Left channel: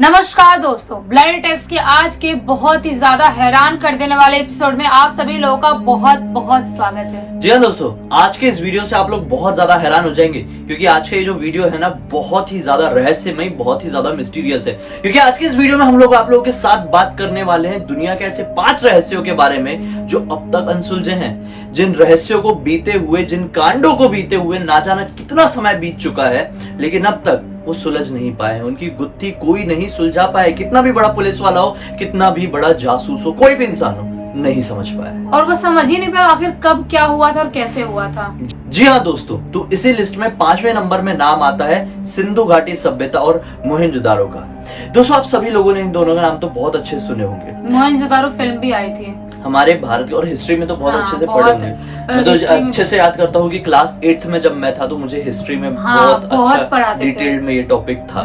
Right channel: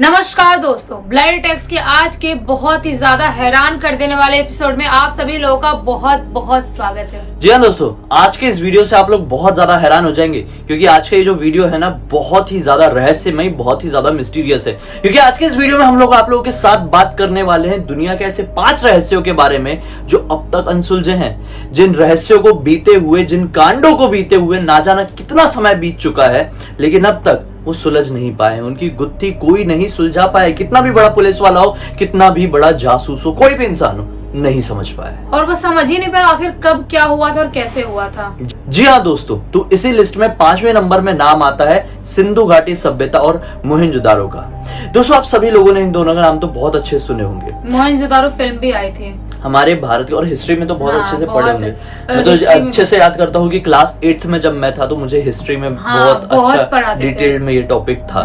नमस्कार दोस्तों, blood takes के आज के बहुत ही ज्यादा हैरान कर देने वाले एपिसोड में आप सभी लोगों का बहुत बहुत स्वागत है। जी हाँ दोस्तों, आज के इस वीडियो से आप लोग बहुत ज्यादा हैरान हो जाएंगे क्योंकि आज का ये जो वीडियो है ना बहुत ही ज्यादा रहस्यमय, बहुत ही ज्यादा मिस्टीरियस है। क्योंकि आज के इस वीडियो में हम लोग आप लोगों के साथ बात करने वाले हैं दुनिया के ऐसे 5 रहस्यों के बारे में जो अब तक अनसुलझे हैं। जिन रहस्यों को बीते हुए, जिन कांडों को बीते हुए ना जाना कितना समय बीत चुका है, लेकिन अब तक वो सुलझ नहीं पाए हैं। उनकी गुत्थी कोई नहीं सुलझा पाए। कितना भी बड़ा पुलिस वाला हो, कितना भी बड़ा जासूस हो, कोई भी इंसान हो, नहीं समझ पाया और वो समझ ही नहीं पाया आखिर कब क्या हुआ था और कैसे हुआ था। जी हाँ दोस्तों, तो इसी लिस्ट में 5वें नंबर में नाम आता है सिंधु घाटी सभ्यता और मोहनजोदारो का। दोस्तों, आप सभी लोगों ने इन दोनों का नाम तो बहुत अच्छे सुने होंगे। मोहनजोदारो फिल्म भी आई थी हमारे भारत की, और हिस्ट्री में तो बहुत अच्छे से पढ़े होंगे। मैं तो हिस्ट्री अच्छे से याद करता हूँ कि क्लास 8th में जब मैं था तो मुझे हिस्ट्री में बहुत अच्छा डिटेल में ये टॉपिक था।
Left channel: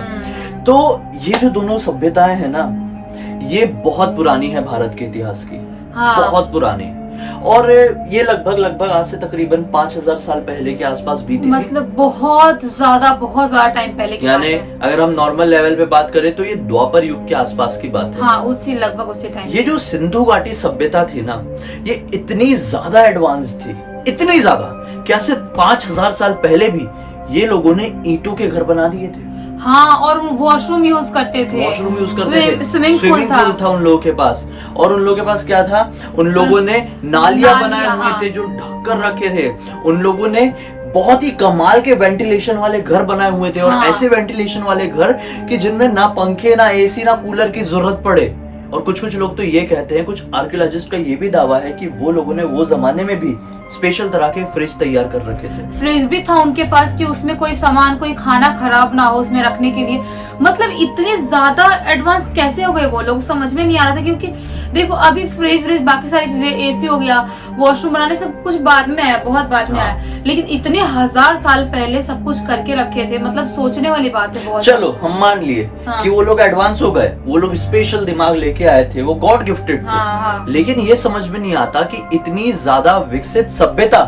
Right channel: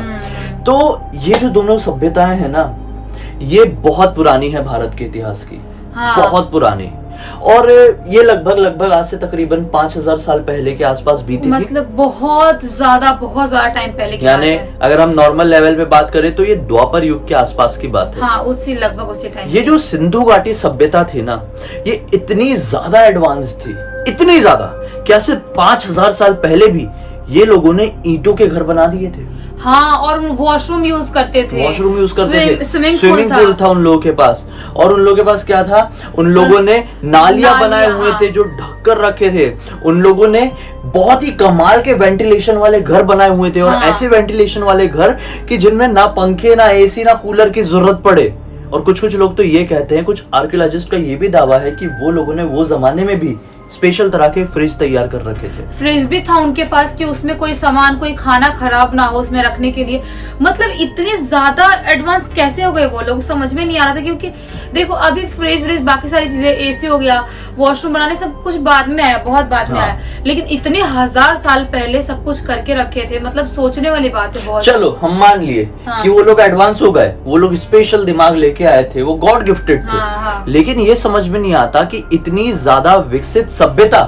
तो ये जो दोनों सभ्यताएं हैं ना, ये बहुत पुरानी है भारत के इतिहास की। बहुत पुरानी, और ये लगभग आज से तकरीबन 5000 साल पहले के आसपास बीती मतलब बहुत ज्यादा टाइम पहले की यानी अगर हम नॉर्मल लेवल पे बात करें तो ये द्वापर युग के आसपास की बात है। हाँ, लगभग उसी टाइम। ये जो सिंधु घाटी सभ्यता थी ना, ये इतनी ज्यादा एडवांस थी, इतनी ज्यादा क्या सिर्फ 5000 साल पहले भी ये लोगों ने ईंटों के घर बना दिए थे। हाँ, और वॉशरूम यूज करते थे। स्विमिंग पूल था उन लोगों के पास। और उन लोगों के पास क्या था? उन लोगों ने नालियां बनाए हुए थे जो ढककर रखे थे। उन लोगों ने बहुत ही कमाल के वेंटिलेशन वाले घर बनाए हुए थे। और ऐसे वेंटिलेशन वाले घर कि जिनमें ना पंखे, ना एसी, ना कूलर की जरूरत पड़े। और कुछ लोग तो ये कहते हैं, कुछ आर्कियोलॉजिस्ट का ये भी दावा है कि वो लोगों ने वो जमाने में भी स्पेशल तरह के फ्रिज तैयार कर रखे थे। फ्रिज भी था उनके पास कि उसमें कोई सामान, कोई खाना खराब ना हो उसमें रखने के लिए। मतलब इतने ज्यादा एडवांस कैसे हो गए वो लोग, समझ में नहीं आ रहा था। क्योंकि देखो, अभी फ्रिज बाकी सारी चीजें, एसी हो गया, वॉशरूम बनाने, सब कुछ बाद में आया, बहुत बाद में आया। लेकिन इतने 1000 साल पहले सब कुछ करके रखे थे, मतलब सोचने वाली बात है बहुत। चलो हम मान लिए कि वो लोग एडवांस हो गए, वो लोग स्पेशल दिमाग लेके आए थे, वो गॉड गिफ्टेड थे। लेकिन ये समझ में नहीं आता कि इतनी ज्यादा विकसित सभ्यता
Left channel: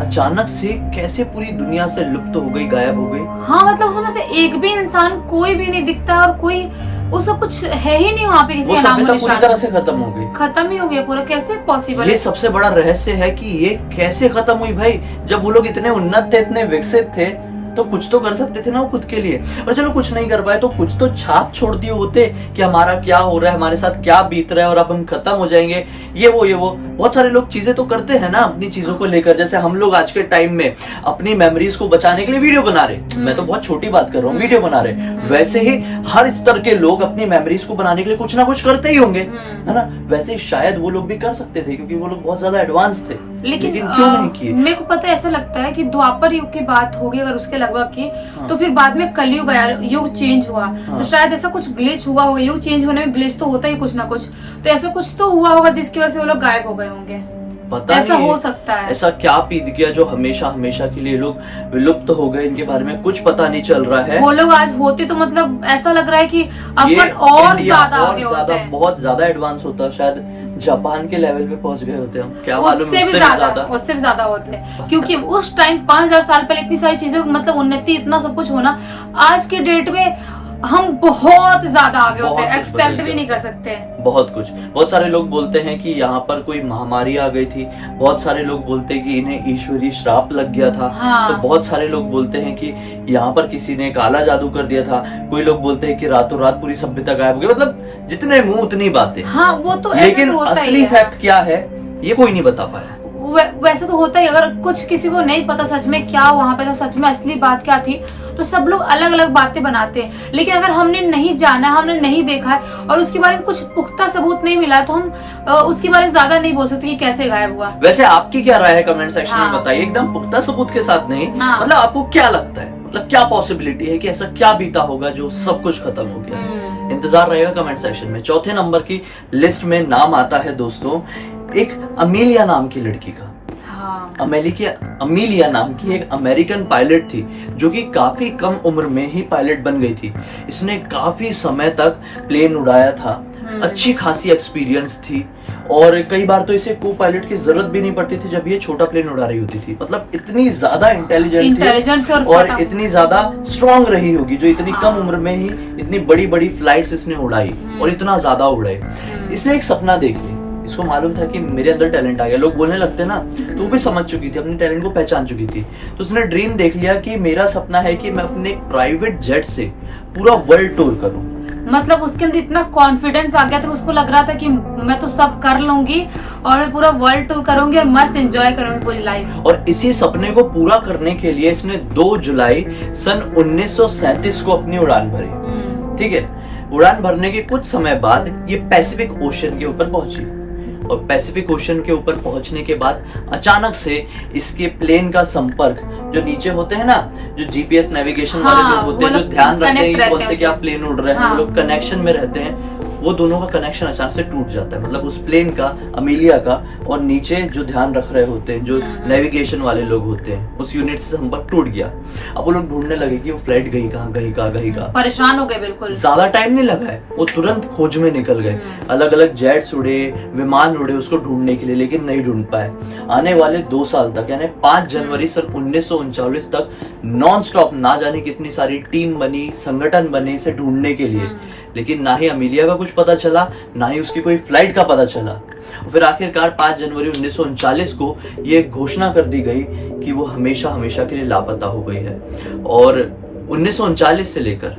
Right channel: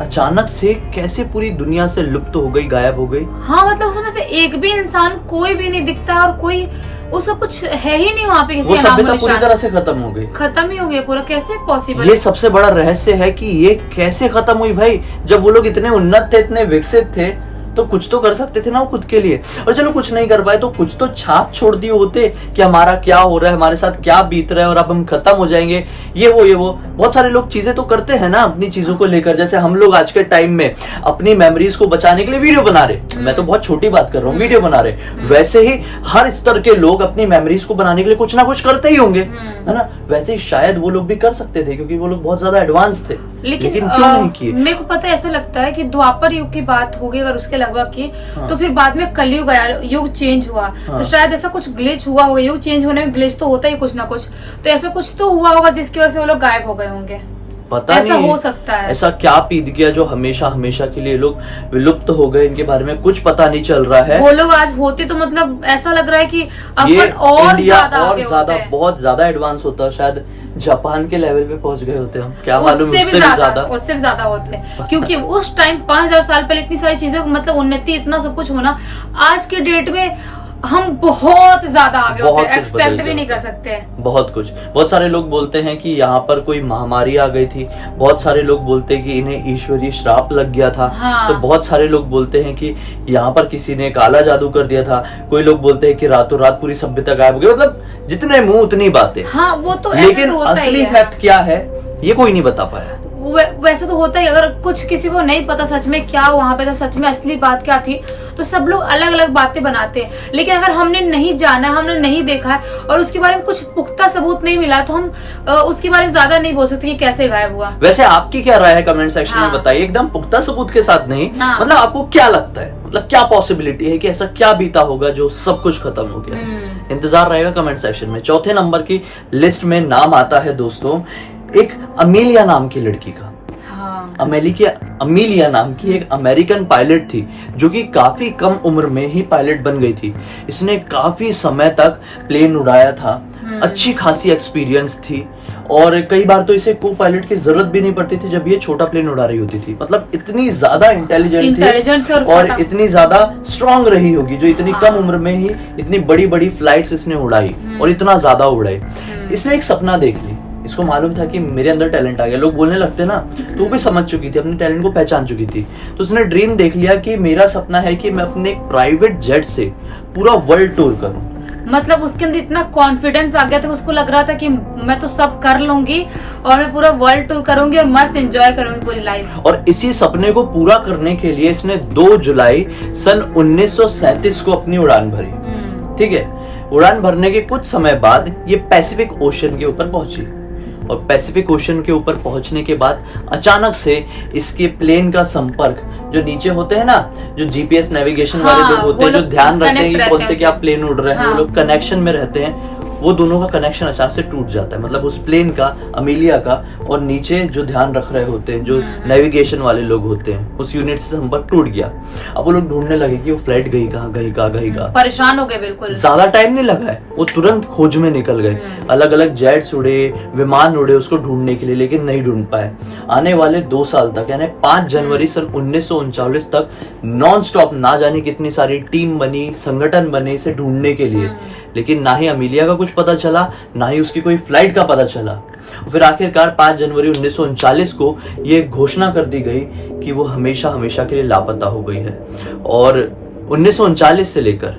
अचानक से कैसे पूरी दुनिया से लुप्त हो गई, गायब हो गई। हाँ, मतलब उसमें से एक भी इंसान कोई भी नहीं दिखता और कोई उसका कुछ है ही नहीं वहाँ पे। वो सभ्यता पूरी तरह से खत्म हो गई, खत्म ही हो गया पूरा। कैसे पॉसिबल? ये सबसे बड़ा रहस्य है कि ये कैसे खत्म हुई भाई। जब वो लोग इतने उन्नत थे, इतने विकसित थे, तो कुछ तो कर सकते थे ना वो खुद के लिए। और चलो कुछ नहीं कर पाए तो कुछ तो छाप छोड़ दिए होते कि हमारा क्या हो रहा है, हमारे साथ क्या बीत रहा है और अब हम खत्म हो जाएंगे। ये वो बहुत सारे लोग चीजें तो करते हैं ना अपनी चीजों को लेकर। जैसे हम लोग आज के टाइम में अपनी मेमोरीज को बचाने के लिए वीडियो बना रहे। मैं तो बहुत छोटी बात कर रहा हूँ, वीडियो बना रहे। वैसे ही हर स्तर के लोग अपनी मेमोरीज को बनाने के लिए कुछ ना कुछ करते ही होंगे, है ना। वैसे ही शायद वो लोग भी कर सकते थे क्योंकि वो लोग बहुत ज्यादा एडवांस थे। लेकिन क्यों नहीं किए? मेरे को पता ऐसा लगता है कि द्वापर युग की बात होगी अगर उसके लगभग की, तो फिर बाद में कलयुग आया, युग चेंज हुआ। तो शायद ऐसा कुछ ग्लिच हुआ होगा। युग चेंज होने में ग्लिच तो होता ही कुछ ना कुछ। तो ऐसा कुछ तो हुआ होगा जिसकी वजह से वो लोग गायब हो गए होंगे। पता ऐसा नहीं हो सकता है। ऐसा क्या पीत गया जो हमेशा के लिए लोग विलुप्त हो गए। इनके बारे में कुछ पता नहीं चल रहा है। वो लोग आज होते तो मतलब ऐसा लग रहा है कि अपन और ज्यादा बहुत ज्यादा एडवांस होता, शायद जापान के लेवल पे पहुंच गए होते हम, क्या मालूम उससे भी ज्यादा होते। क्योंकि उस टाइम 5000 साल पहले इतनी सारी चीजें, मतलब उन्नति, इतना सब कुछ होना, आज के डेट में हम बहुत ज्यादा आगे होते हैं, एक्सपेक्ट भी नहीं कर सकते। बहुत सारे लोग बोलते हैं कि यहाँ पर कोई महामारी आ गई थी। बहुत सारे लोग बोलते हैं कि इन्हें ईश्वरीय श्राप लग गया था। तो बहुत सारे लोग बोलते हैं कि यहाँ पर किसी ने काला जादू कर दिया था। कोई लोग बोलते हैं कि रातों रात पूरी सभ्यता गायब हो गई। मतलब जितने मुंह उतनी बातें। हाँ, वो तो लेकिन असली फैक्ट क्या है ये कोई नहीं बता पाया। वैसे तो होता ही, अगर कुछ किसी को नहीं पता सच में क्या वहाँ पे था, सच में असली बात क्या थी, तो सब लोग अलग अलग बातें बनाते हैं। लेकिन अगर हमने नहीं जाना, हमने नहीं देखा है और उसके बारे में कुछ पुख्ता सबूत नहीं मिला, तो हम उसके बारे में ज्यादा नहीं बोल सकते कि कैसे गायब हुआ। वैसे आपकी क्या राय है कमेंट सेक्शन में बताइए, एकदम पुख्ता सबूत के साथ नहीं। मतलब आपको क्या लगता है, मतलब क्या पॉसिबिलिटी है कि ऐसा क्या बीता होगा जो सब कुछ खत्म हो गया? इंतजार रहेगा कमेंट सेक्शन में। चौथे नंबर की लिस्ट में नाम आता है दोस्तों एक अमेलिया नाम की लड़की का। अमेलिया नाम की एक अमेरिकन पायलट थी जो कि काफी कम उम्र में ही पायलट बन गई थी। इसने काफी समय तक प्लेन उड़ाया था। अच्छी खासी एक्सपीरियंस थी, और कई बार तो इसे को पायलट की जरूरत भी नहीं पड़ती थी जब ये छोटा प्लेन उड़ा रही होती थी। मतलब इतनी ज्यादा इंटेलिजेंट थी और इतनी ज्यादा स्ट्रांग रही होगी जो इतनी कम उम्र में ही इतनी बड़ी बड़ी फ्लाइट्स इसने उड़ाई और इतना ज्यादा उड़ाई। इसने एक सपना देख ली, इसको मालूम था कि मेरे अंदर टैलेंट आ गया, लोग बोलने लगते ना, तो वो भी समझ चुकी थी, अपने टैलेंट को पहचान चुकी थी। तो उसने ड्रीम देख लिया कि मेरा सपना है कि मैं अपने एक प्राइवेट जेट से पूरा वर्ल्ड टूर करूं। मतलब उसके अंदर इतना कॉन्फिडेंस आ गया था, उसको लग रहा था कि मैं तो सब कर लूंगी और मैं पूरा वर्ल्ड टूर करूंगी और मस्त एंजॉय करूंगी पूरी लाइफ। और इसी सपने को पूरा करने के लिए इसने 2 जुलाई सन 1937 को अपनी उड़ान भरी। ठीक है, उड़ान भरने के कुछ समय बाद ये पैसिफिक ओशन के ऊपर पहुंची, और पैसिफिक ओशन के ऊपर पहुंचने के बाद अचानक से इसके प्लेन का संपर्क, जो नीचे होते हैं ना, जो जीपीएस नेविगेशन वाले लोग होते हैं, जो ध्यान रखते हैं कि कौन से क्या प्लेन उड़ रहे हैं, वो लोग कनेक्शन में रहते हैं, वो दोनों का कनेक्शन अचानक से टूट जाता है। मतलब उस प्लेन का, अमीलिया का, और नीचे जो ध्यान रख रहे होते हैं, जो नेविगेशन वाले लोग होते हैं, उस यूनिट से संपर्क टूट गया। अब वो लोग ढूंढने लगे कि वो फ्लाइट गई कहाँ, परेशान हो गए बिल्कुल। ज्यादा टाइम नहीं लगा है, वो तुरंत खोज में निकल गए, अलग अलग जेट्स उड़े, विमान उड़े उसको ढूंढने के लिए, लेकिन नहीं ढूंढ पाए। आने वाले 2 साल तक, यानी 5 जनवरी सन 1939 तक नॉन स्टॉप ना जाने कितनी सारी टीम बनी, संगठन बने इसे ढूंढने के लिए, लेकिन ना ही अमीलिया का कुछ पता चला, ना ही उसकी कोई फ्लाइट का पता चला। फिर आखिरकार 5 जनवरी 1939 को ये घोषणा कर दी गई कि वो हमेशा हमेशा के लिए लापता हो गई है। और 1939 से लेकर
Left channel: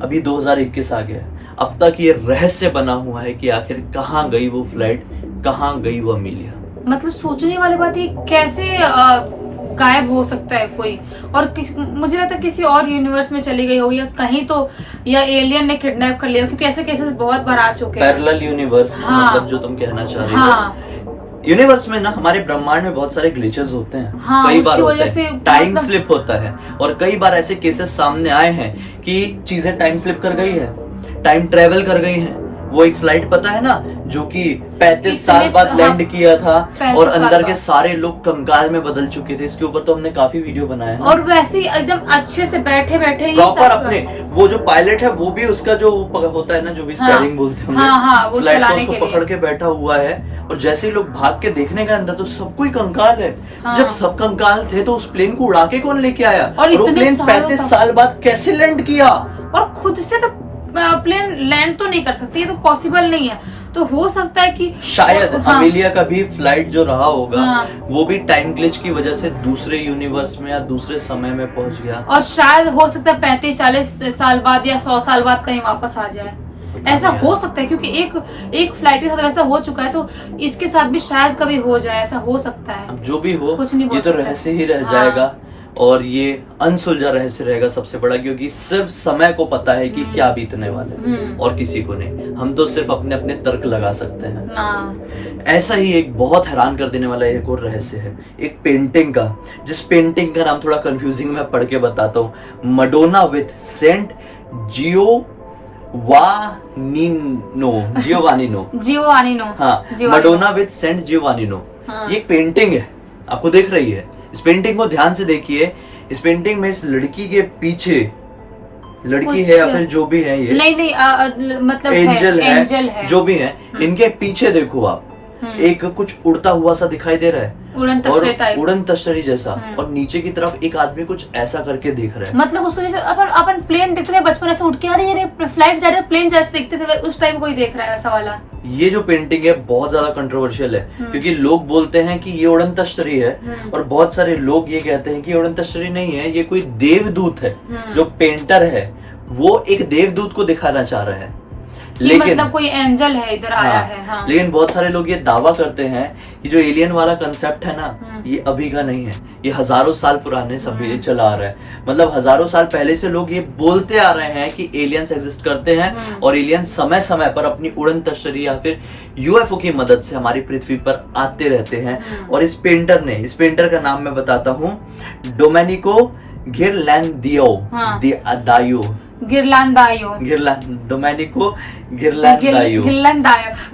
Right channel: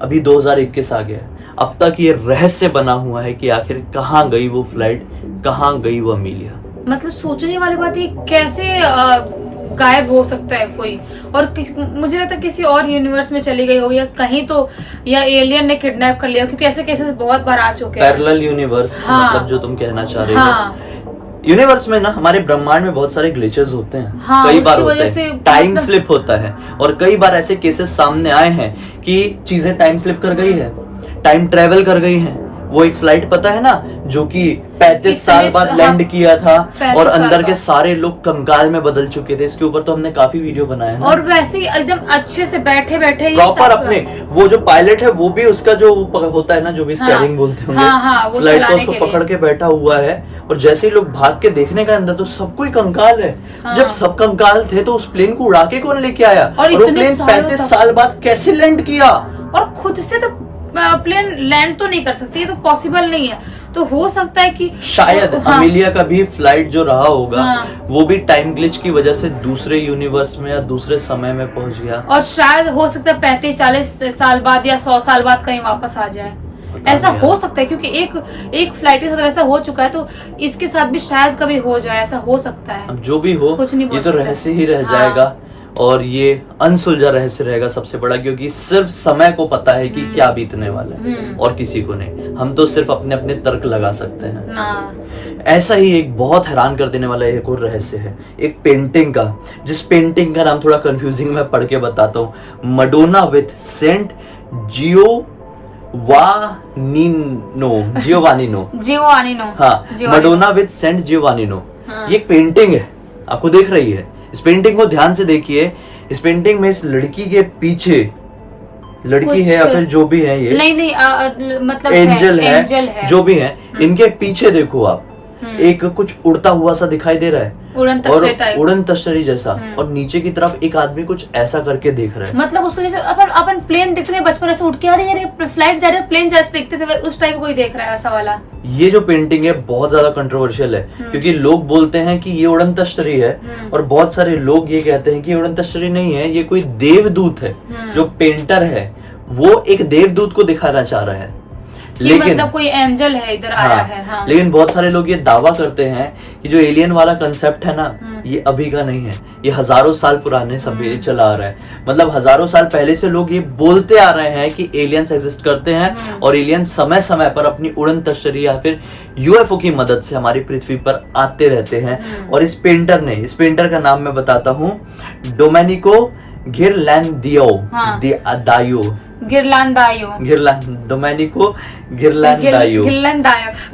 अभी 2021 आ गया, अब तक ये रहस्य बना हुआ है कि आखिर कहाँ गई वो फ्लाइट, कहाँ गई वो अमीलिया। मतलब सोचने वाली बात है, कैसे गायब हो सकता है कोई, और मुझे लगता है किसी और यूनिवर्स में चली गई हो, या कहीं तो, या एलियन ने किडनैप कर लिया, क्योंकि ऐसे केसेस बहुत बार आ चुके हैं। पैरेलल यूनिवर्स, हाँ, मतलब जो तुम कहना चाह रही हो। यूनिवर्स में ना, हमारे ब्रह्मांड में बहुत सारे ग्लिचेस होते हैं। हाँ, कई बार होते हैं, टाइम स्लिप होता है, और कई बार ऐसे केसेस सामने आए हैं कि चीजें टाइम स्लिप कर गई है, टाइम ट्रेवल कर गई है। वो एक फ्लाइट पता है ना, जो कि 35 साल बाद लैंड किया था, और अंदर के सारे लोग कंकाल में बदल चुके थे। इसके ऊपर तो हमने काफी वीडियो बनाया है, और वैसे ही एकदम अच्छे से बैठे बैठे प्रॉपर अपने, वो जो पायलट है वो भी उसका जो होता है ना, जो भी स्टीयरिंग बोलते हैं, फ्लाइट को उसको पकड़ के बैठा हुआ है। और जैसे ही लोग भाग के देखने का अंदर, तो सब कोई कंकाल है। जब सब कंकाल थे तो उस प्लेन को उड़ा के कौन लेके आया, और वो प्लेन 35 साल बाद कैसे लैंड किया? और खुद से तो प्लेन लैंड तो नहीं कर सकती, ये तो पॉसिबल नहीं है। तो हो सकता है कि शायद अमीलिया का भी फ्लाइट जो रहा होगा, वो भी टाइम ग्लिच की वजह से दूसरे यूनिवर्स में या दूसरे समय में पहुंच गया, और शायद हो सकता है 35-40 साल बाद या 100 साल बाद कहीं वापस आ जाए। ऐसा हो सकता है, क्योंकि एक फ्लाइट के साथ ऐसा हो चुका है, तो इसके साथ भी शायद कभी हो जाए, ऐसा हो सकता है। अब जो भी हो, कुछ नहीं, ये तो रहस्य ही रह जाएगा, और ये अनसुलझा रहस्य रहेगा सबसे बड़ा, क्योंकि सिर्फ समय को पता है कि क्या बीतने वाला है, और किसी को नहीं। हम तो सिर्फ अपने अपने तर्क लगा सकते हैं। ऐसा ही एक बहुत हैरान कर देने वाला एक और रहस्य है, एक पेंटिंग का, जिस पेंटिंग का नाम थोड़ा कंफ्यूजिंग मैं पढ़ के बताता हूँ। Madonna with Saint Giovannino. हाँ, मडोना विथ सेंट जियोवानिनो। ये एक पेंटिंग है, आपको देख रही है। इस पेंटिंग को ध्यान से देखिए। इस पेंटिंग में इस लड़की के पीछे, लड़की है या फिर जो भी है, ये नहीं मतलब एंजल है, जो भी है, इनके पीछे देखो आप, एक कुछ उड़ता हुआ सा दिखाई दे रहा है, उड़न तस्तरी जैसा, और नीचे की तरफ एक आदमी कुछ ऐसा करके देख रहा है। मतलब उसको जैसे अपन प्लेन देखते थे बचपन, ऐसे उठ के आ रही है, फ्लाइट जा रही है, प्लेन जैसे देखते थे, उस टाइप कोई देख रहा है ऐसा वाला। ये जो पेंटिंग है बहुत ज्यादा कंट्रोवर्शियल है, क्योंकि लोग बोलते हैं कि ये उड़न तस्तरी है, और बहुत सारे लोग ये कहते हैं कि ये उड़न तस्तरी नहीं है, ये कोई देवदूत है। जो पेंटर है वो एक देवदूत को दिखाना चाह रहा है, लेकिन मतलब कोई एंजल है इधर आया है। हाँ। लेकिन बहुत सारे लोग ये दावा करते हैं कि जो एलियन वाला कंसेप्ट है ना, ये अभी का नहीं है, ये हजारों साल पुराने सभी चला आ रहा है। मतलब हजारों साल पहले से लोग ये बोलते आ रहे हैं कि एलियंस एग्जिस्ट करते हैं, और एलियन समय समय पर अपनी उड़न तस्तरी या फिर यूएफओ की मदद से हमारी पृथ्वी पर आते रहते हैं। और इस पेंटर का नाम मैं बताता हूँ, डोमेनिको गिरलैंदायो। डोमेनिको गिरलैंदायो।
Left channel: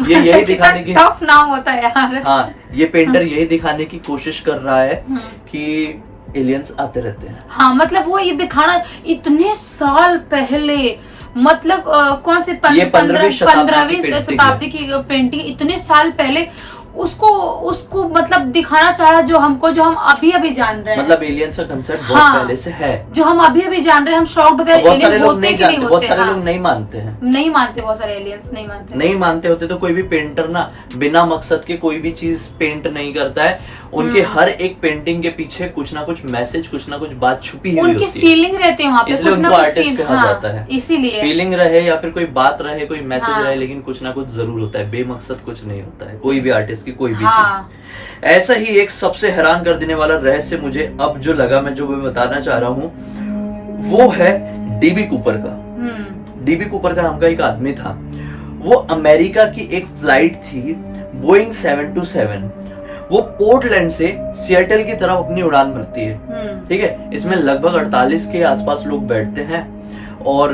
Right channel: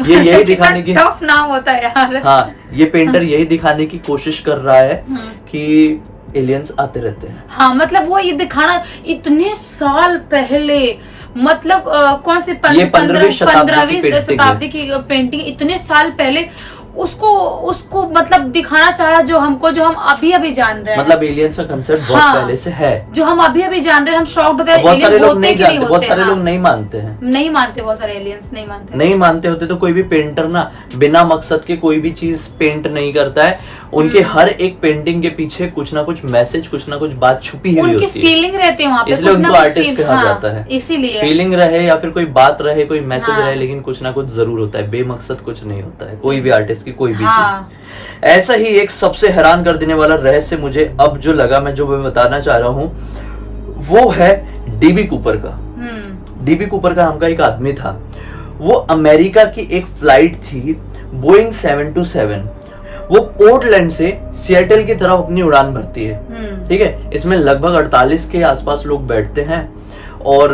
ये यही दिखाने की टफ नाम होता है यार। हाँ, ये पेंटर यही दिखाने की कोशिश कर रहा है कि एलियंस आते रहते हैं। हाँ, मतलब वो ये दिखाना, इतने साल पहले मतलब कौन से ये 15वीं पंद्रहवीं शताब्दी शताब्दी की पेंटिंग इतने साल पहले उसको मतलब दिखाना चाह रहा, जो हम अभी अभी जान रहे हैं। मतलब एलियंस का कंसेप्ट बहुत हाँ, पहले से है, जो हम अभी अभी जान रहे हैं। हम शॉक्ड होते हैं, बहुत सारे एलियन लोग होते नहीं कि नहीं जानते, होते। बहुत सारे हाँ, लोग नहीं मानते हैं, नहीं मानते, बहुत सारे एलियंस नहीं मानते नहीं मानते होते तो कोई भी पेंटर ना बिना मकसद के कोई भी चीज पेंट नहीं करता है। उनके हर एक पेंटिंग के पीछे कुछ ना कुछ मैसेज, कुछ ना कुछ बात छुपी हुई उनकी होती है, फीलिंग रहती है वहाँ पे, इसलिए कुछ ना उनको कुछ आर्टिस्ट कहा जाता है। इसीलिए फीलिंग रहे या फिर कोई बात रहे, कोई मैसेज हाँ। रहे, लेकिन कुछ ना कुछ जरूर होता है, बेमकसद कुछ नहीं होता है कोई भी आर्टिस्ट की कोई भी हाँ। चीज। ऐसा ही एक सबसे हैरान कर देने वाला रहस्य मुझे अब जो लगा, मैं जो बताना चाह रहा हूँ वो है डीबी कूपर का। डीबी कूपर का नाम का एक आदमी था, वो अमेरिका की एक फ्लाइट थी बोइंग 727, वो पोर्टलैंड से सिएटल की तरफ अपनी उड़ान भरती है। ठीक है, इसमें लगभग 48 के आसपास लोग बैठते हैं और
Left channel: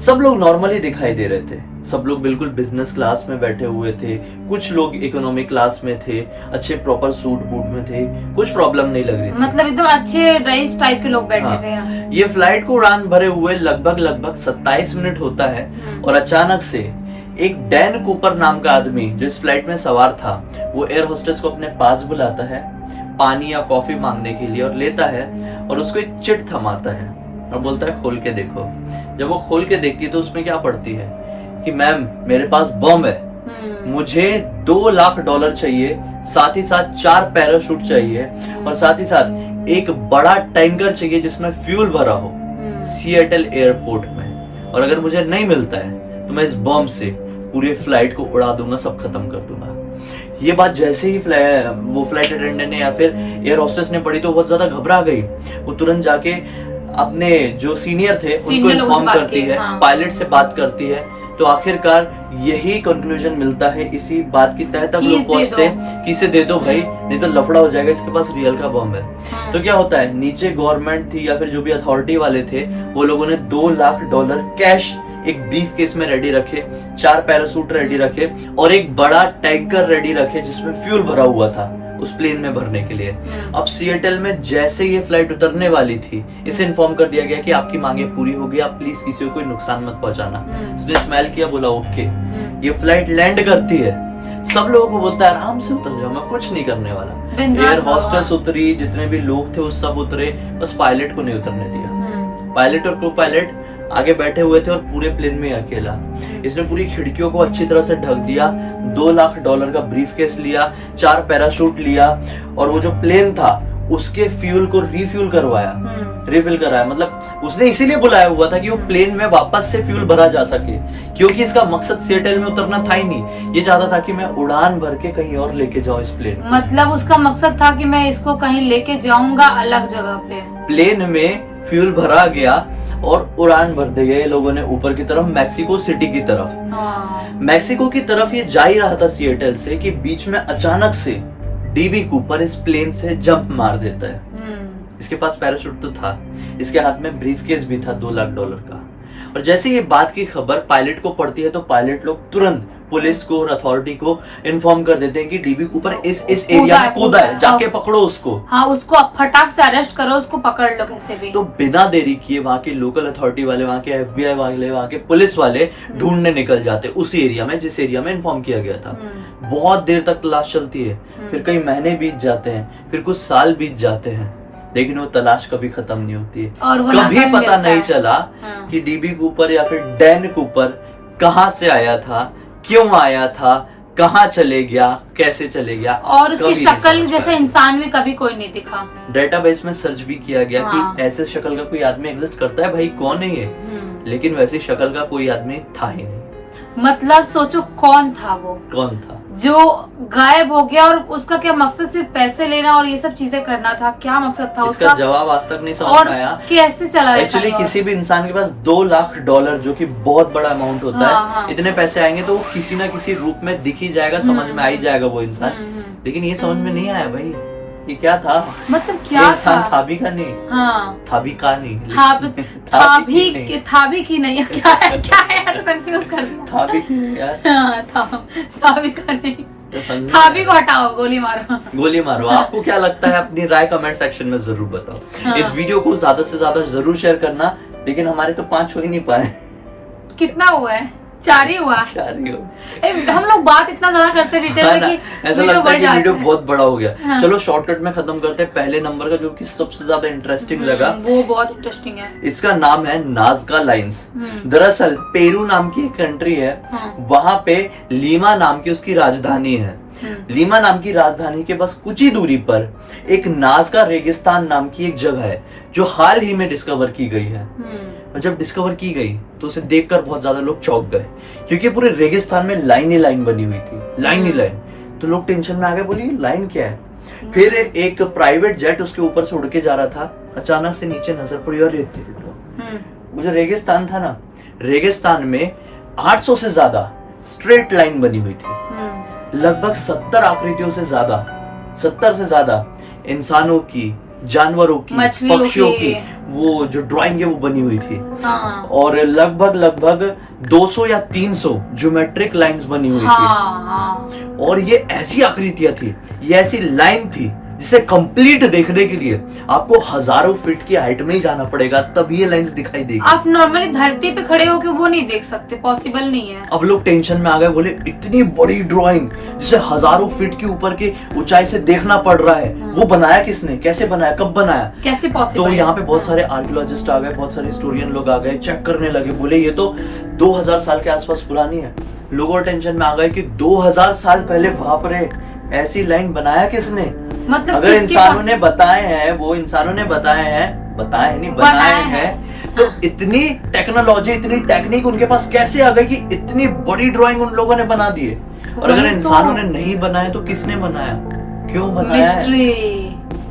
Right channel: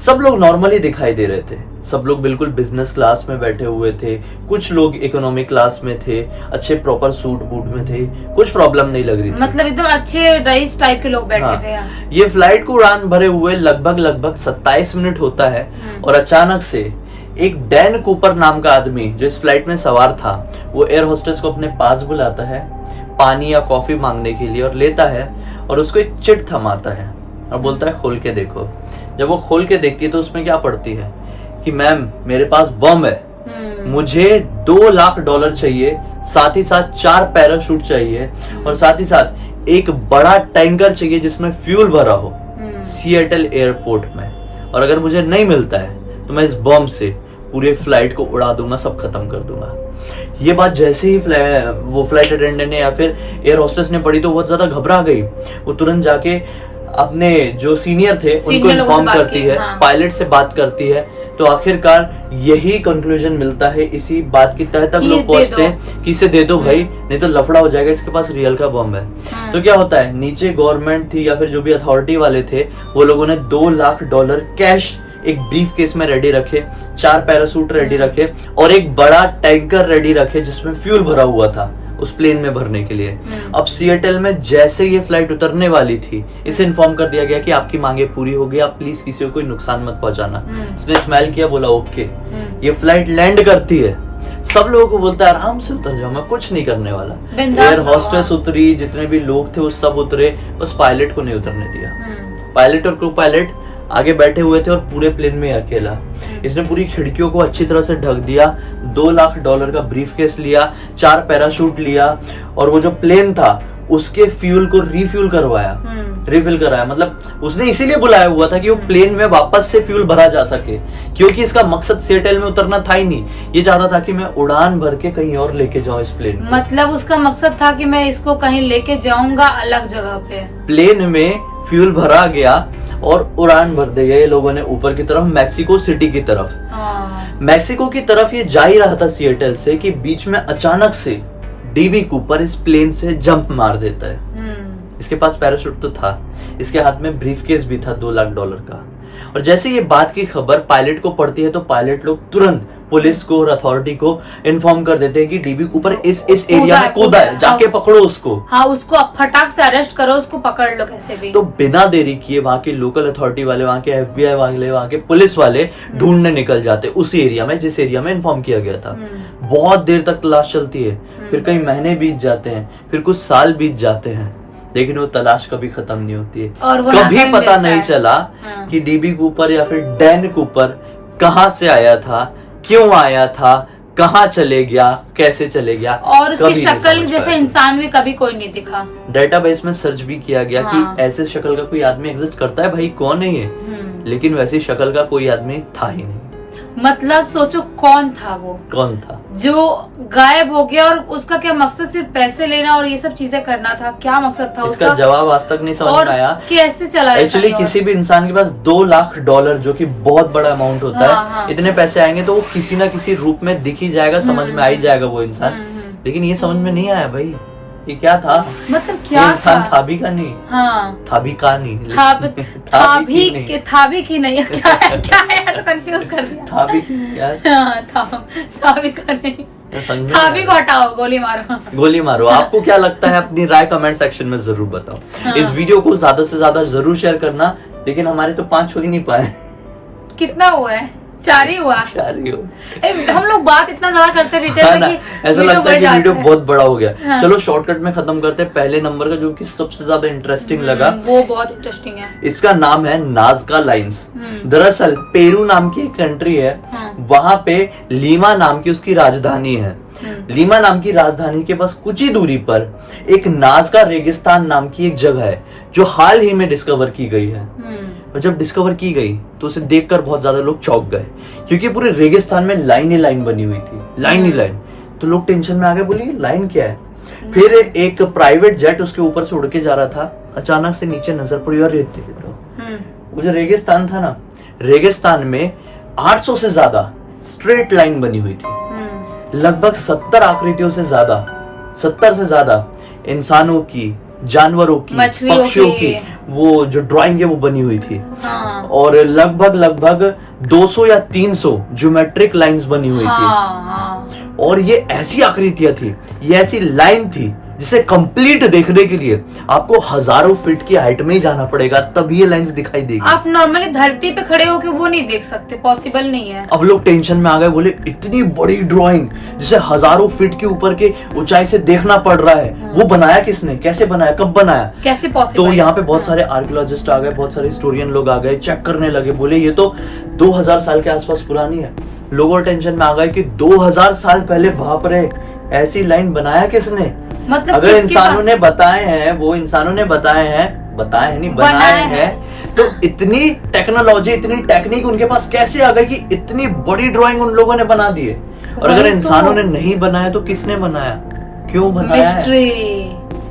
सब लोग नॉर्मली दिखाई दे रहे थे, सब लोग बिल्कुल बिजनेस क्लास में बैठे हुए थे, कुछ लोग इकोनॉमी क्लास में थे, अच्छे प्रॉपर सूट बूट में थे, कुछ प्रॉब्लम नहीं लग रही थी, मतलब एकदम अच्छे रईस टाइप के लोग बैठे हाँ, थे यहाँ। ये फ्लाइट को उड़ान भरे हुए लगभग 27 मिनट होता है और अचानक से एक डैन कूपर नाम का आदमी जो इस फ्लाइट में सवार था, वो एयर होस्टेस को अपने पास बुलाता है पानी या कॉफी मांगने के लिए और लेता है और उसको एक चिट थमाता है और बोलता है खोल के देखो। जब वो खोल के देखती है तो उसमें क्या पढ़ती है कि मैम मेरे पास बम है, मुझे $2 लाख चाहिए, साथ ही साथ 4 पैराशूट चाहिए और साथ ही साथ एक बड़ा टैंकर चाहिए जिसमें फ्यूल भरा हो सिएटल एयरपोर्ट में, और अगर मुझे नहीं मिलता है तो मैं इस बम से पूरे फ्लाइट को उड़ा दूंगा, सब खत्म कर दूंगा। ये बात जैसे ही वो फ्लाइट अटेंडेंट ने या फिर एयर होस्टेस ने पढ़ी तो बहुत ज्यादा घबरा गई। वो तुरंत जाके अपने जो सीनियर थे उनको इन्फॉर्म करती है, पायलट से बात करती है, तो आखिरकार यही कंक्लूजन मिलता है, इसी बात की तह तक लोग पहुंचते हैं कि इसे दे दो भाई, नहीं तो लफड़ा हो जाएगा, इसके पास रियल का बम है। तो क्या होता है, नीचे गवर्नमेंट थी या फिर जो भी अथॉरिटी वाले थे वो लोगों ने $2 लाख कैश एक ब्रीफ केस में रेडी रखे, 4 पैरासूट रेडी रखे और एक बड़ा टैंकर रेडी रखे जिसमें फ्यूल भरा हुआ था उस प्लेन में भरने के लिए। अब सिएटल में जैसे ये फ्लाइट उतरने वाली थी, इसे इन्फॉर्म कर दिया गया कि आपकी मांगे पूरी हो गई, आप प्लीज किसी को कोई नुकसान मत पहुंचाना। इसने स्माइल किया, बोला ओके। ये फ्लाइट लैंड करती है, सब लोगों को बोलता है आराम से उतर जाओ, मैं कुछ नहीं करने वाला। एयर होस्टेस उतरी, जितने भी लोग थे वो सब उतरे, बस पायलट को नहीं उतरने दिया। पायलट और को पायलट आगे बैठे हुए थे और पूरे प्लेन में अकेला। इसने पूरी खिड़कियों को अच्छी तरह से ढक दिया, $2 लाख का ब्रीफकेस लिया, 4 पैराशूट लिया और वो जो प्लेन था उसके फ्यूल को रिफ्यूल कराया। मतलब उसने इसीलिए बुलाया हुआ था कि वो प्लेन में वापस से फ्यूल भरा जा सके, क्योंकि इसका मकसद सिएटल में उतरना था ही नहीं, ये चाहता था कि मैं उड़ान भर के कहीं और लेके जाऊं इस प्लेन को। मतलब उसका मकसद था कि मैं इसको कहीं लेके जाऊंगा अलग जगह पे। प्लेन में फ्यूल भरा गया और उड़ान भर दी गई लोगों ने ऊपर की तरफ, मैक्सिको सिटी की तरफ। मैक्सिको की तरफ ये जा ही रहा था सिएटल से कि बीच में अचानक से डीबी कूपर इस प्लेन से जंप मार देता है। इसके पास पैराशूट तो था, इसके हाथ में ब्रीफकेस भी था $2 लाख का। और जैसे ये बात की खबर पायलट को पड़ती है तो पायलट लोग तुरंत पुलिस को और अथॉरिटी को इन्फॉर्म कर देते हैं कि डीबी कूपर इस एरिया में कूदा है, जाके पकड़ो उसको। हाँ, उसको फटाक से अरेस्ट करो, उसको पकड़ लो कैसे भी। तो बिना देरी किए वहाँ के लोकल अथॉरिटी वाले, वहाँ के FBI वाले, वहाँ के पुलिस वाले ढूंढने निकल जाते उस एरिया में जिस एरिया में इन्फॉर्म किया गया था। बहुत देर तक तलाश चलती है, फिर कई महीने बीत जाते हैं, फिर कुछ साल बीत जाते हैं, लेकिन वो तलाश कभी खत्म नहीं होती है। और वो कभी पता नहीं चला कि डीबी कूपर या फिर डैन कूपर कहाँ से आया था, क्यों आया था, कहाँ चले गया, कैसे चले गया, और उसकी शक्ल जैसे इंसान भी कभी कोई नहीं दिखा। डेटाबेस में सर्च भी किया गया कि ऐसे शक्ल का कोई आदमी एग्जिस्ट करता है, भाई कौन है ये, लेकिन वैसी शक्ल का कोई आदमी था ही नहीं। मतलब सोचो कौन था वो, कौन था जो गायब हो गया, और उसका क्या मकसद सिर्फ पैसे लेना और ये सब चीजें करना था, क्या मकसद था इसका जवाब आज तक नहीं समझ में आया। कैसे चला एक्चुअली किसी भी इंसान के पास $2 लाख जो कि बहुत बड़ा अमाउंट होता है, इतने पैसे आएंगे तो वो किसी ना किसी रूप में दिख ही जाएगा, समझ में आ ही जाएगा वो इंसान। लेकिन ये समझ में नहीं आया भाई ये क्या था, मतलब क्या इंसान था भी का नहीं, था भी का नहीं, था भी की नहीं, क्या है कंफ्यूज कर दिया, था भी यार, था भी का नहीं, था भी को हटाओ, गोली मारो। आपको क्या लगता है, अपनी राय कमेंट सेक्शन में जरूर बताओ। इस वीडियो को ज्यादा से ज्यादा जरूर शेयर करना, लेकिन हमारे तो 5 हो ही नहीं पाए। कितना हुआ है? 4 ही हुआ। 4 ही हो। हम लोग बात इतना ज्यादा करते रहते हाँ हैं ना, कि ऐसा वीडियो लगता है बढ़ कि जाता वीडियो है। बहुत बड़ा हो गया। हाँ। चलो शॉर्टकट में खत्म करते हैं। पहले नंबर का जो कि सबसे ज्यादा इंटरेस्टिंग लगा, वो बहुत इंटरेस्टिंग है। इसका नाम है नाज़का लाइंस। हम्म। दरअसल पेरू नाम की एक कंट्री है, हाँ। वहां पे लीमा नाम की उसकी राजधानी है। लीमा नाम की राजधानी के बस कुछ ही दूरी पर एक नाज़का रेगिस्तान नाम की एक जगह है जो हाल ही में डिस्कवर की गई है। और जब डिस्कवर की गई तो उसे देखकर बहुत ज्यादा लोग चौंक गए, क्योंकि पूरे रेगिस्तान में लाइन ही लाइन बनी हुई थी, लाइन ही लाइन। तो लोग टेंशन में आ गए, बोली लाइन क्या है। फिर एक प्राइवेट जेट उसके ऊपर से उड़ के जा रहा था, अचानक से नीचे नजर पड़ी और वो जो रेगिस्तान था ना, रेगिस्तान में 800 से ज्यादा स्ट्रेट लाइन बनी हुई थी। लगभग 70 आकृतियों से ज्यादा, 70 से ज्यादा इंसानों की, जानवरों की, मछलियों पक्षियों की। की वो जो ड्राइंग है वो बनी हुई थी। हाँ। और लगभग 200 या 300 ज्योमेट्रिक लाइंस बनी हुई थी। हाँ। और ये ऐसी आकृतियां थी, ये ऐसी लाइन थी जिसे कंप्लीट देखने के लिए आपको हजारों फीट की हाइट में ही जाना पड़ेगा, तब ये लाइंस दिखाई देगी। आप नॉर्मली धरती पे खड़े होकर वो नहीं देख सकते, पॉसिबल नहीं है। अब लोग टेंशन में आ गए, बोले इतनी बड़ी ड्राइंग जिसे हजारों फीट के ऊपर के ऊंचाई से देखना पड़ रहा है, वो बनाया किसने, कैसे बनाया, कब बनाया, कैसे पॉसिबल? तो यहाँ पे बहुत सारे आर्कियोलॉजिस्ट आ गए, बहुत सारे हिस्टोरियन लोग आ गए, चेक करने लगे। बोले ये तो 2000 साल के आसपास पुरानी है। लोगों टेंशन में आ गए कि 2000 साल पहले, बाप रे, ऐसी लाइन बनाया किसने। मतलब अगर इंसानों ने बताए हैं, वो इंसानों ने बताए हैं, तो इतनी टेक्नोलॉजी, इतनी टेक्निक उनके पास कैसे आ गई कि इतनी बड़ी ड्राइंग उन लोगों ने बना दी है। और अगर इंसानों ने नहीं बनाया तो किसने बनाया, क्यों बनाया? मिस्ट्री,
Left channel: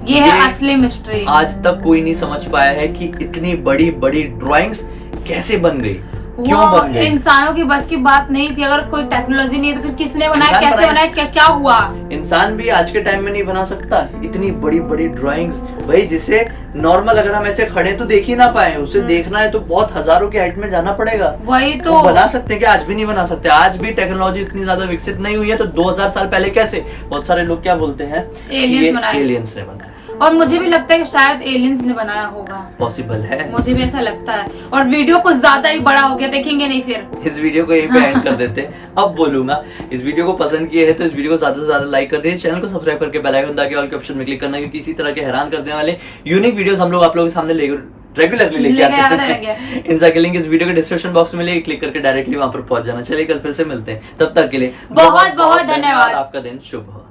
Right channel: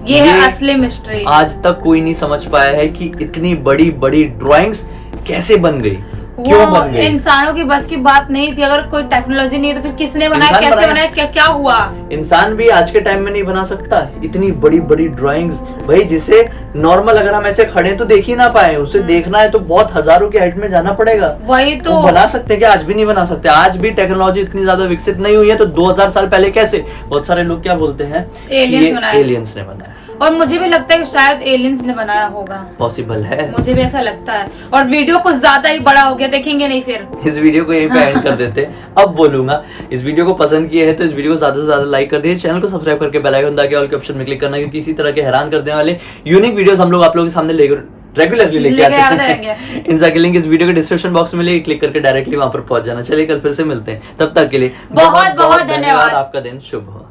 ये है असली मिस्ट्री। आज तक कोई नहीं समझ पाया है कि इतनी बड़ी बड़ी ड्राइंग्स कैसे बन गई, क्यों बन गई। इंसानों की बस की बात नहीं थी। अगर कोई टेक्नोलॉजी नहीं है तो फिर किसने बनाया, कैसे बनाया, क्या हुआ। इंसान भी आज के टाइम में नहीं बना सकता इतनी बड़ी बड़ी ड्राइंग्स, भाई जिसे नॉर्मल अगर हम ऐसे खड़े तो देख ही ना पाए, उसे देखना है तो बहुत हजारों की हाइट में जाना पड़ेगा। वही तो वो बना सकते हैं क्या? आज भी नहीं बना सकते। आज भी टेक्नोलॉजी इतनी ज्यादा विकसित नहीं हुई है, तो 2000 साल पहले कैसे? बहुत सारे लोग क्या बोलते हैं, एलियंस ने बनाया। और मुझे भी लगता है कि शायद एलियंस ने बनाया होगा, पॉसिबल है, मुझे भी ऐसा लगता है। और वीडियो कुछ ज्यादा ही बड़ा हो गया, देखेंगे नहीं फिर। इस वीडियो को यहीं पे एंड कर देते हैं। अब बोलूंगा, इस वीडियो को पसंद किए है तो इस वीडियो को ज्यादा से ज्यादा लाइक कर दीजिए, चैनल को सब्सक्राइब करके बेल आइकन दबा के ऑल के ऑप्शन में क्लिक करना, क्योंकि इसी तरह के हैरान करने वाले यूनिक वीडियोस हम लोग आप लोगों के सामने रेगुलरली लेके आते हैं। इनका लिंक इस वीडियो के डिस्क्रिप्शन बॉक्स में मिलेगी, क्लिक करके डायरेक्टली वहां पर पहुंच जाना। चलिए कल फिर से मिलते हैं, तब तक के लिए बहुत बहुत धन्यवाद। आपका दिन शुभ हो।